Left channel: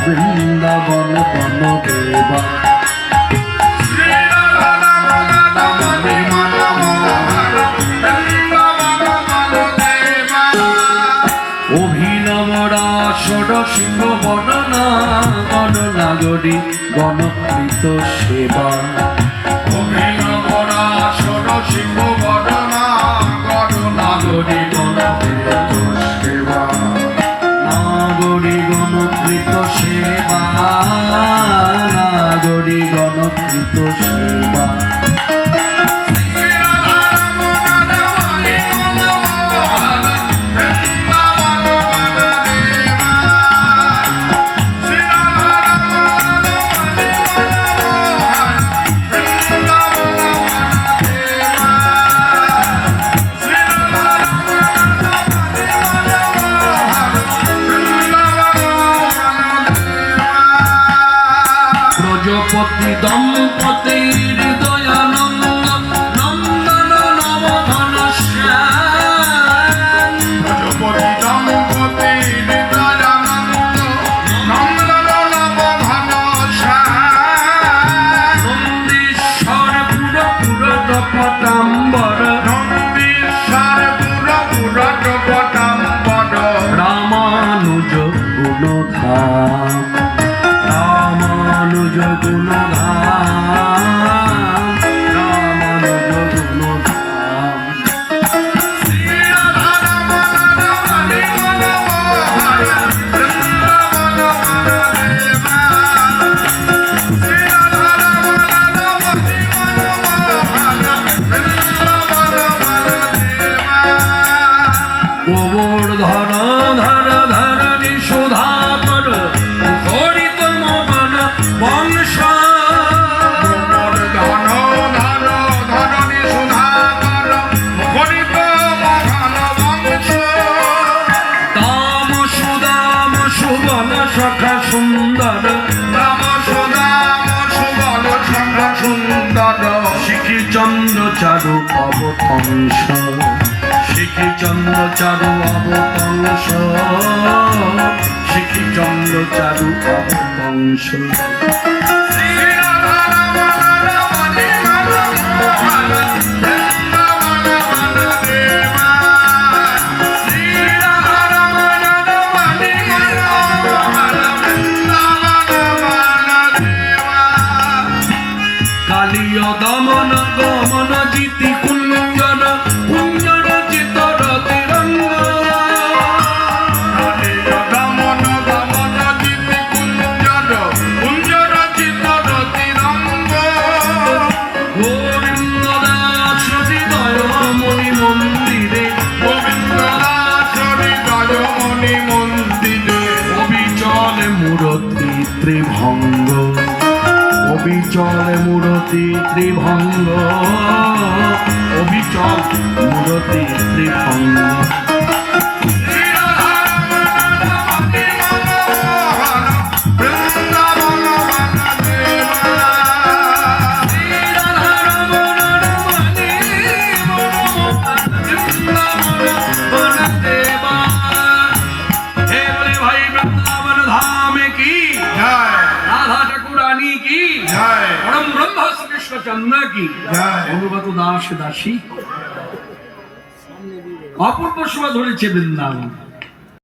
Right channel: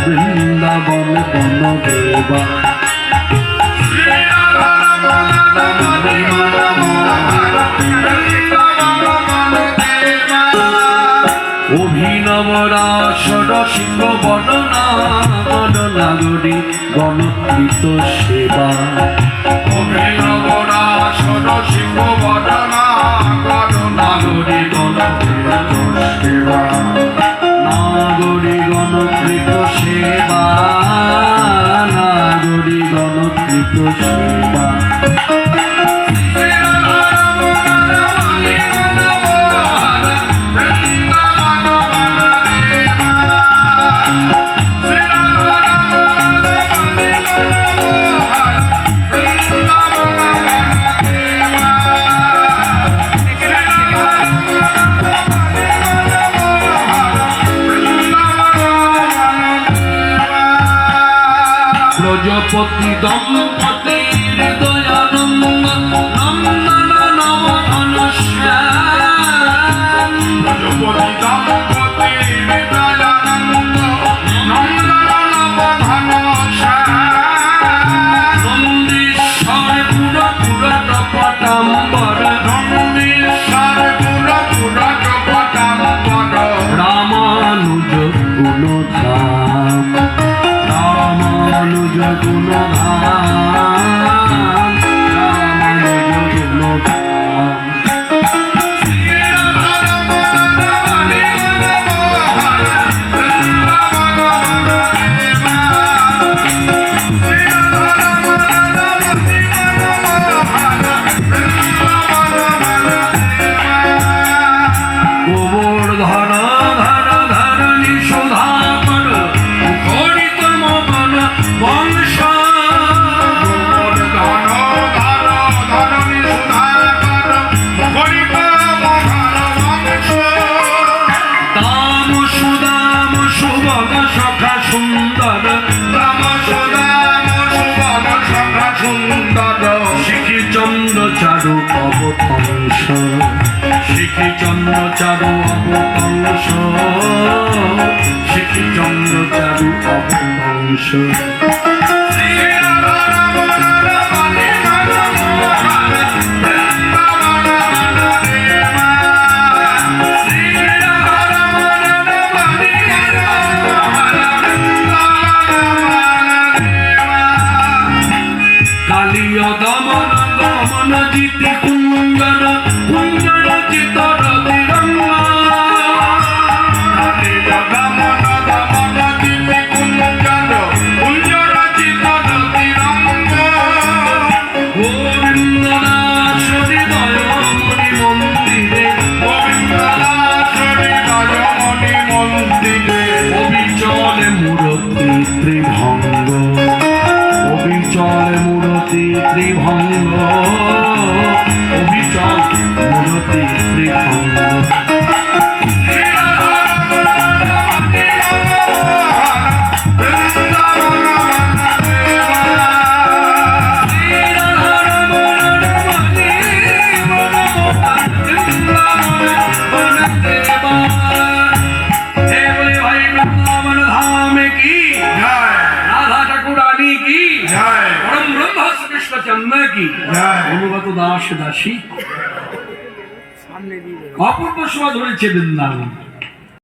বৃন্দাবন বন দেবা অভিনব রাসর সিংহ বর্ণনা গণনাগরী গণকৃত সেবা অভিনব রাসর সিংহ বর্ণনা গণনাগরী গণকৃত সেবা নাগরী গণকৃত সেবা নাগরী গণকৃত সেবা প্রজাপতি দম্পতির দয়ানন্দ নন্দন নব ঘনশ্যাম প্রজাপতি দম্পতির দয়ানন্দ নন্দন নব ঘনশ্যাম নন্দীশ্বর পুর পটাম্বর নন্দীশ্বর পুর পটাম্বর রামানুজ গুণধাম রামানুজ গুণধাম রামানুজ গুণধাম গোবর্ধন ধর ধরণী সুধাকর হরিতম বন বংশ গোবর্ধন ধর ধরণী সুধাকর হরিতম বন বংশ তাম সুদাম সুবল সখা সুন্দর রাম সুদাম সুবল সখা সুন্দর শিখি চন্দ্র চারু অবতংশ শিখি চন্দ্র চারু অবতংশ শিখি চন্দ্র চারু অবতংশ কালীয় দমন গমন জিতি কুঞ্জন কুঞ্জন চিতর তিরঙ্গ কালীয় দমন গমন জিতি কুঞ্জন কুঞ্জন চিতর তিরঙ্গ গোবিন্দ দাস হৃদয় মণি মন্দিরে গোবিন্দ দাস হৃদয় মণি মন্দিরে অবিচল মূরতি ত্রিভঙ্গ অবিচল মূরতি ত্রিভঙ্গ অবিচল মূরতি ত্রিভঙ্গ चंद्र की অনুগত দাস দাসী অপূর্ব শোভা ধরেছে বৃন্দাবন।